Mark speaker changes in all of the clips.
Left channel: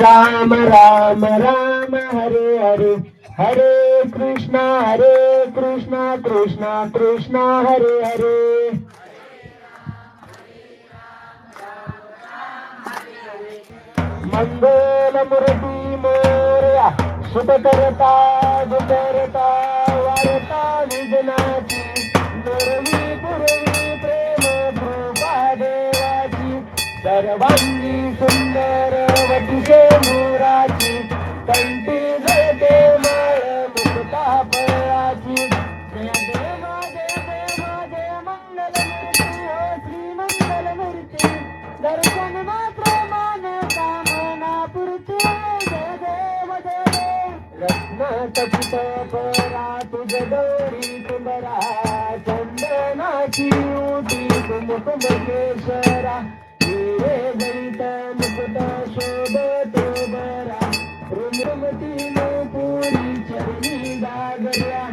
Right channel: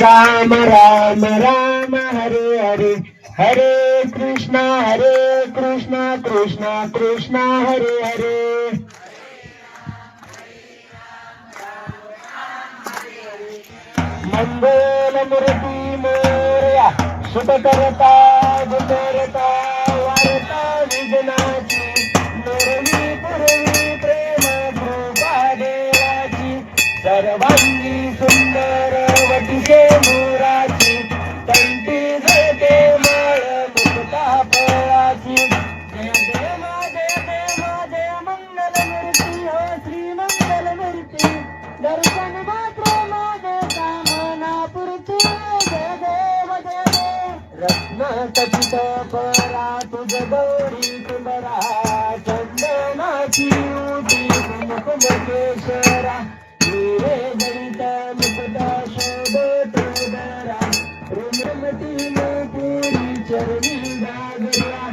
Speaker 1: राम राम राम हरे हरे हरे कृष्णा हरे कृष्णा कृष्णा कृष्णा हरे हरे मंगल मुरती मोरया शुभ करता गुजरता रत्नाटकित परा तुझ गौरी कुंभरा चंदनाची ओटी कुंभ केशरा हिरे जडित मुकुट शोभत उदरा रुमती पुरी चरणी दागरा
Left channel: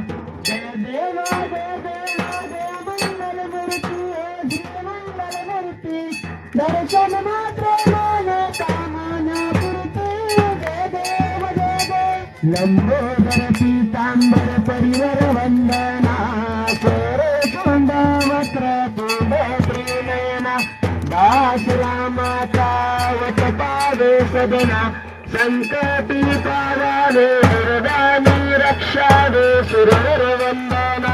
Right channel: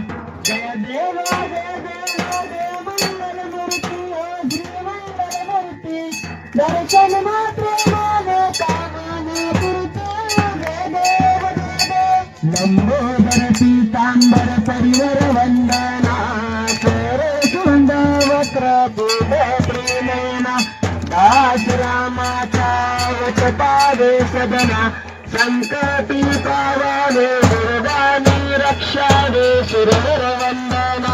Speaker 1: सदना संकटी पावाने दुर्गानी रक्षा दे सुरवर वंदना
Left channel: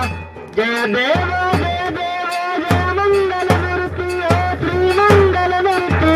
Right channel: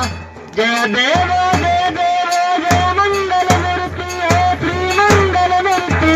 Speaker 1: जय देवा जय देवा जय मंगल मूर्ति है त्रिमंगल मूर्ति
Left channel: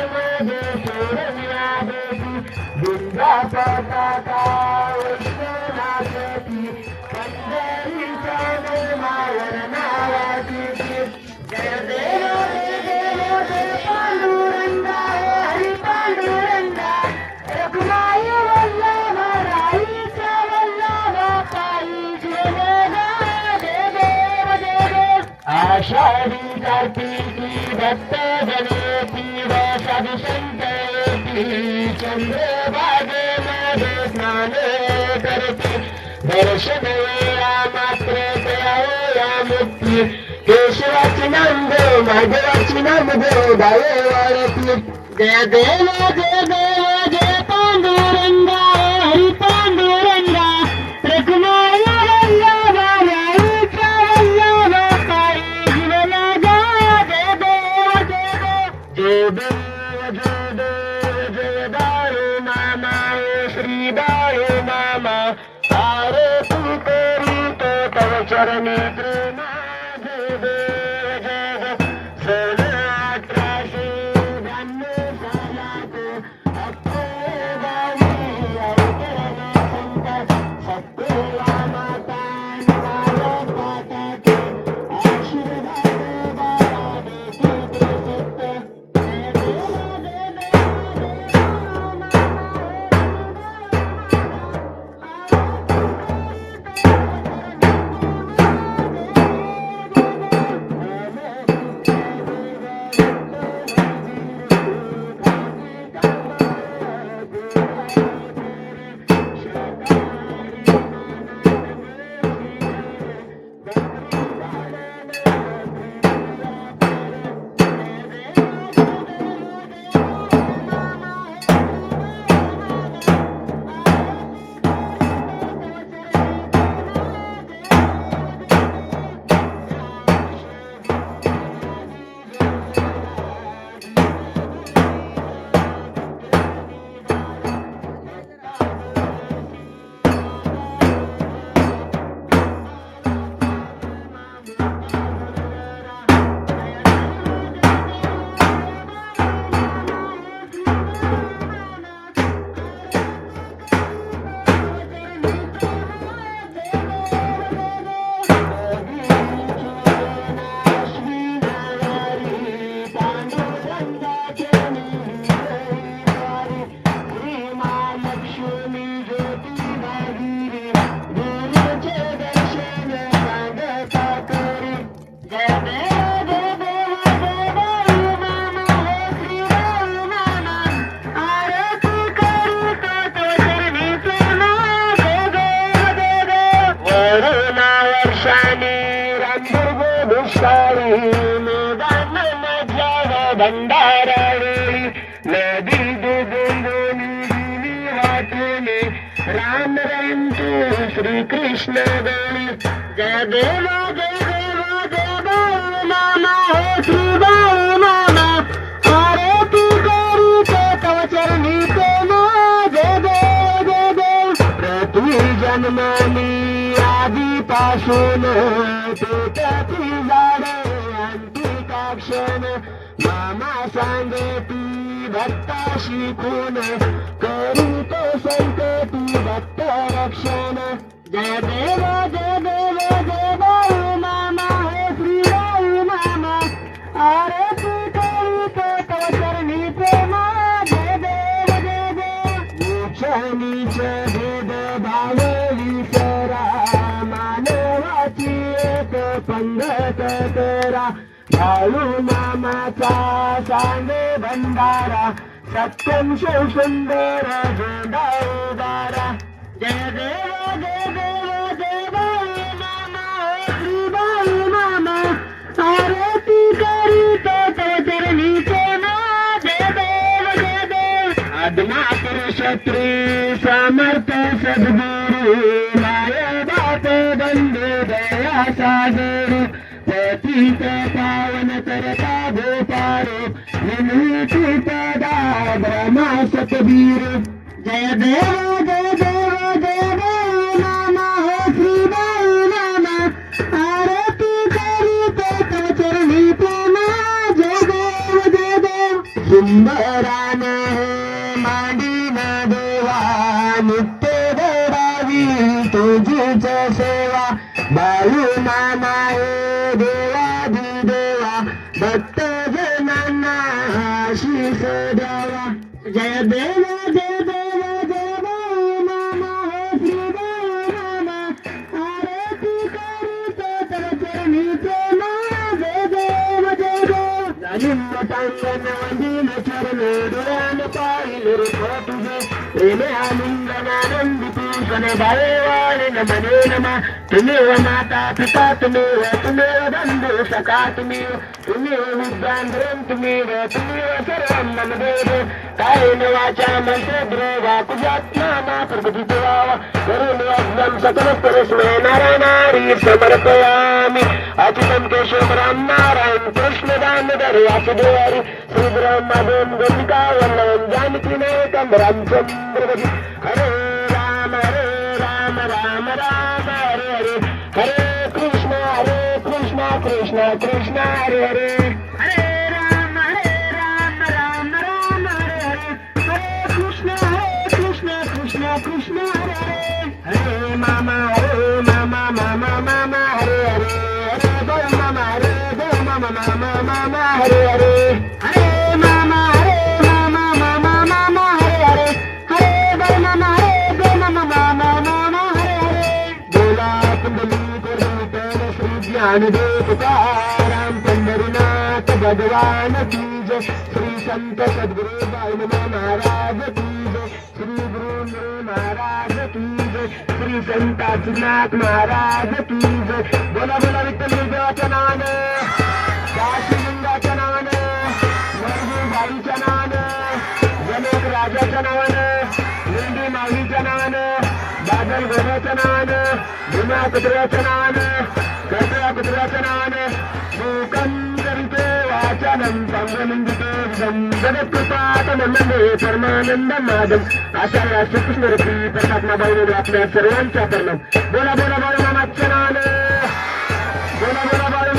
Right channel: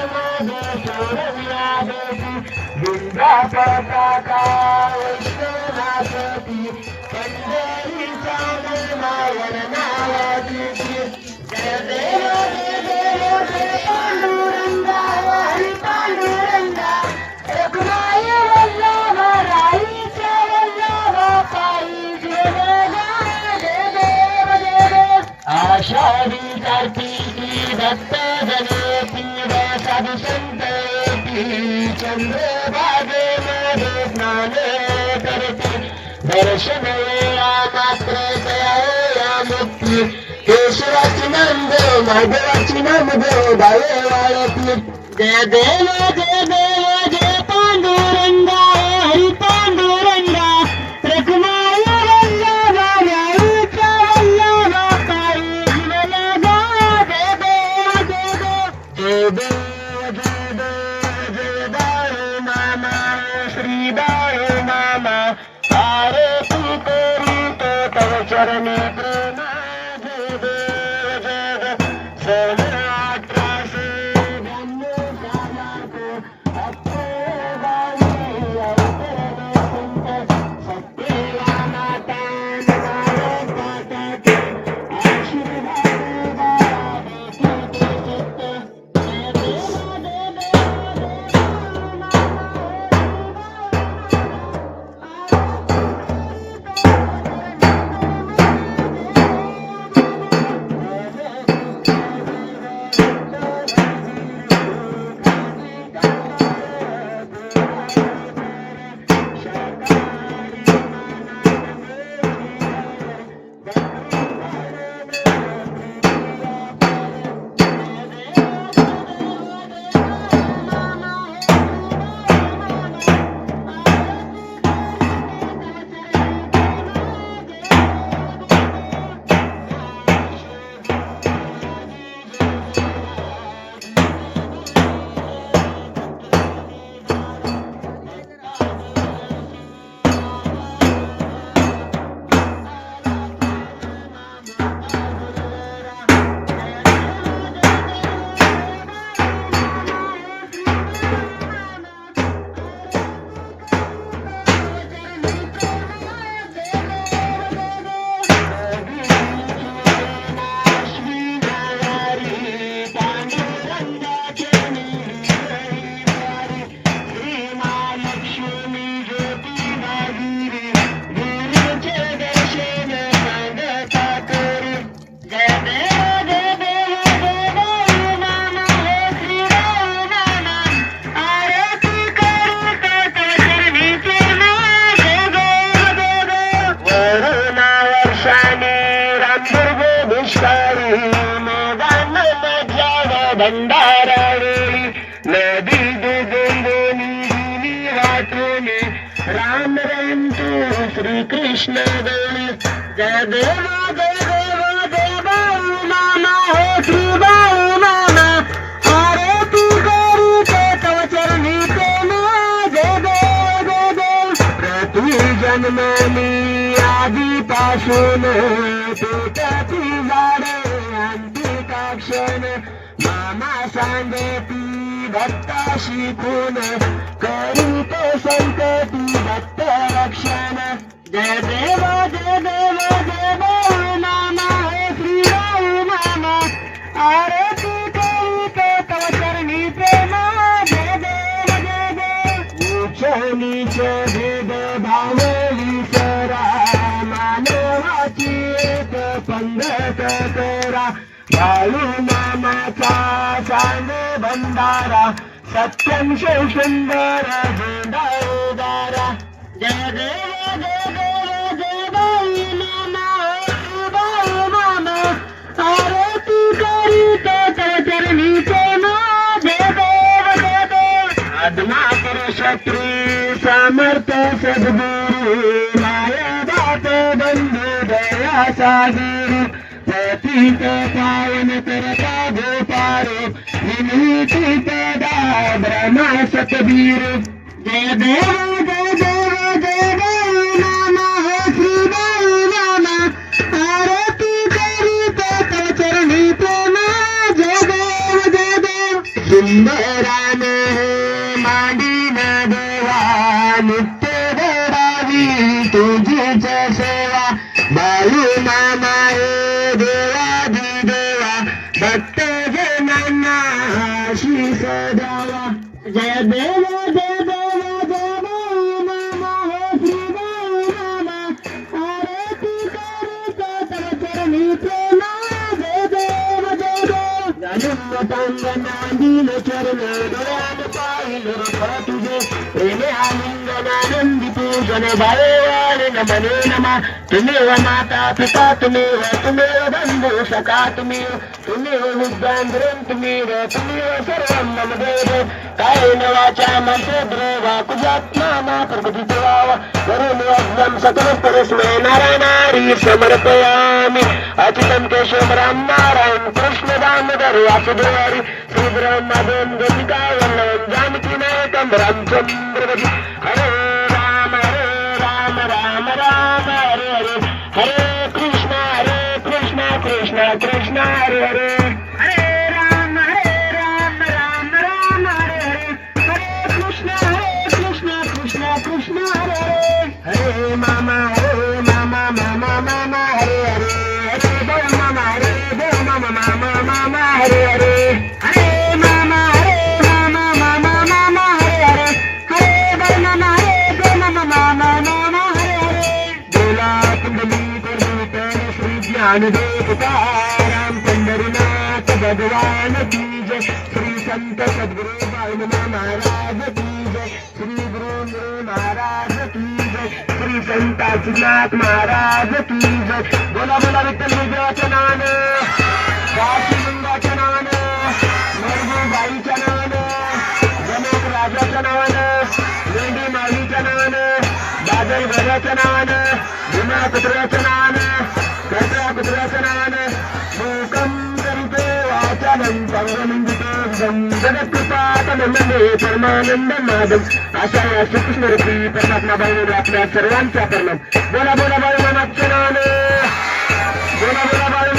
Speaker 1: दर्शन मुक्ती केशवाची नाम देव माधवाची नाम देव भावे वाळती जय देव जय देव चरणी जय देवा जय देवा जय बाळू मामा हे श्री बाळू मामा अरे तू करू ते तव चरणी प्रेम जय देव जय देव प्रति जन्मनी आधीपासून पेटाची झाडे अंतिकाक्षण मामा सांगती भक्ताशी खून करीत संकटी भक्त रक्षण जय देव जय देव जय बाळू हे श्री आरती करीत तव चरणी जय देव जय देव. उच्च भेद विसरा मानवाची एक पंगत करा. बाळू मामाचा सांगे भंडारा सत्यम शिव सुंदर झेंडा उदारा जय देव जय देव. साधना आदमाकर शत्री समर्थ सद्गुरु माया बाप बंधू दया सागर पतित पावन करता गोपार विनीती पदा ब्रह्मा सतबीर जय देव जय देव जय देव नाना श्री देव नाना आरती करी ते चरणी प्रेम जय देव जय देव। सुंदरा तुझीच सेवा. बाळू मामा ए देवा दि देवा. भक्त जनांना शीस द्यावा. जय देव जय देव जय बाळू मामा हे श्री बाळू मामा. आरती करीत तव चरणी प्रेमा. जय देव जय देव. आनंद चरण डोळ्यान पाहिलं रे तुझे. प्रेमे आनंद आनंदनानंदी पूजन भावे नमने नमा तुम्हेव माता पिता तुम्हेव तुम्हेव बंधू सखा तुम्हेव तुम्हेव विद्यान्द्रम तुम्हेव तुम्हेव सर्वं मम देव कायेन वाचा मनसेन्द्रिया तुझ्यात्माना प्रकृती देवा करुण वज्रं सकल परस्मै नारायणारी समर्पयामि अच्युतं केशव राम नारायण कृष्ण दामोदर वासुदेव हरी श्रीधरं माधवं गोपिका वल्लभं जानकी नायकं रामचंद्र हरे कृष्ण हरे कृष्ण कृष्ण कृष्ण हरे हरे. हरे राम हरे राम राम राम हरे हरे. हरे कृष्ण हरे कृष्ण कृष्ण कृष्ण हरे हरे. हरे मामा हरे मामा मामा मामा हरे हरे. हरे बोल मामा हरे मामा मामा मामा हरे हरे. भगवान देवताराम पंढरीनाथ भगवान की जय। श्री संत सद्गुरु बाळूमा महाराज की जय। श्री गुरुंद्र महाराज की जय। श्री संत नाथ महाराज की जय। बोला बोला विठ्ठल देवाच्या नावानं। काशीलिंगाच्या नावानं। बाईच्या नावानं। जनक राजाच्या नावानं। लेंडी माऊलीच्या नावानं। बादल गोऱ्याच्या नावानं। भीमा कुत्र्याच्या नावानं। परमानंद माधव अशा श्रीकृष्ण रती परमात्मा बाळूने आपल्या सर्वांचा परिणाम बोला बोला बाळू मामाच्या बोला बोला बाळू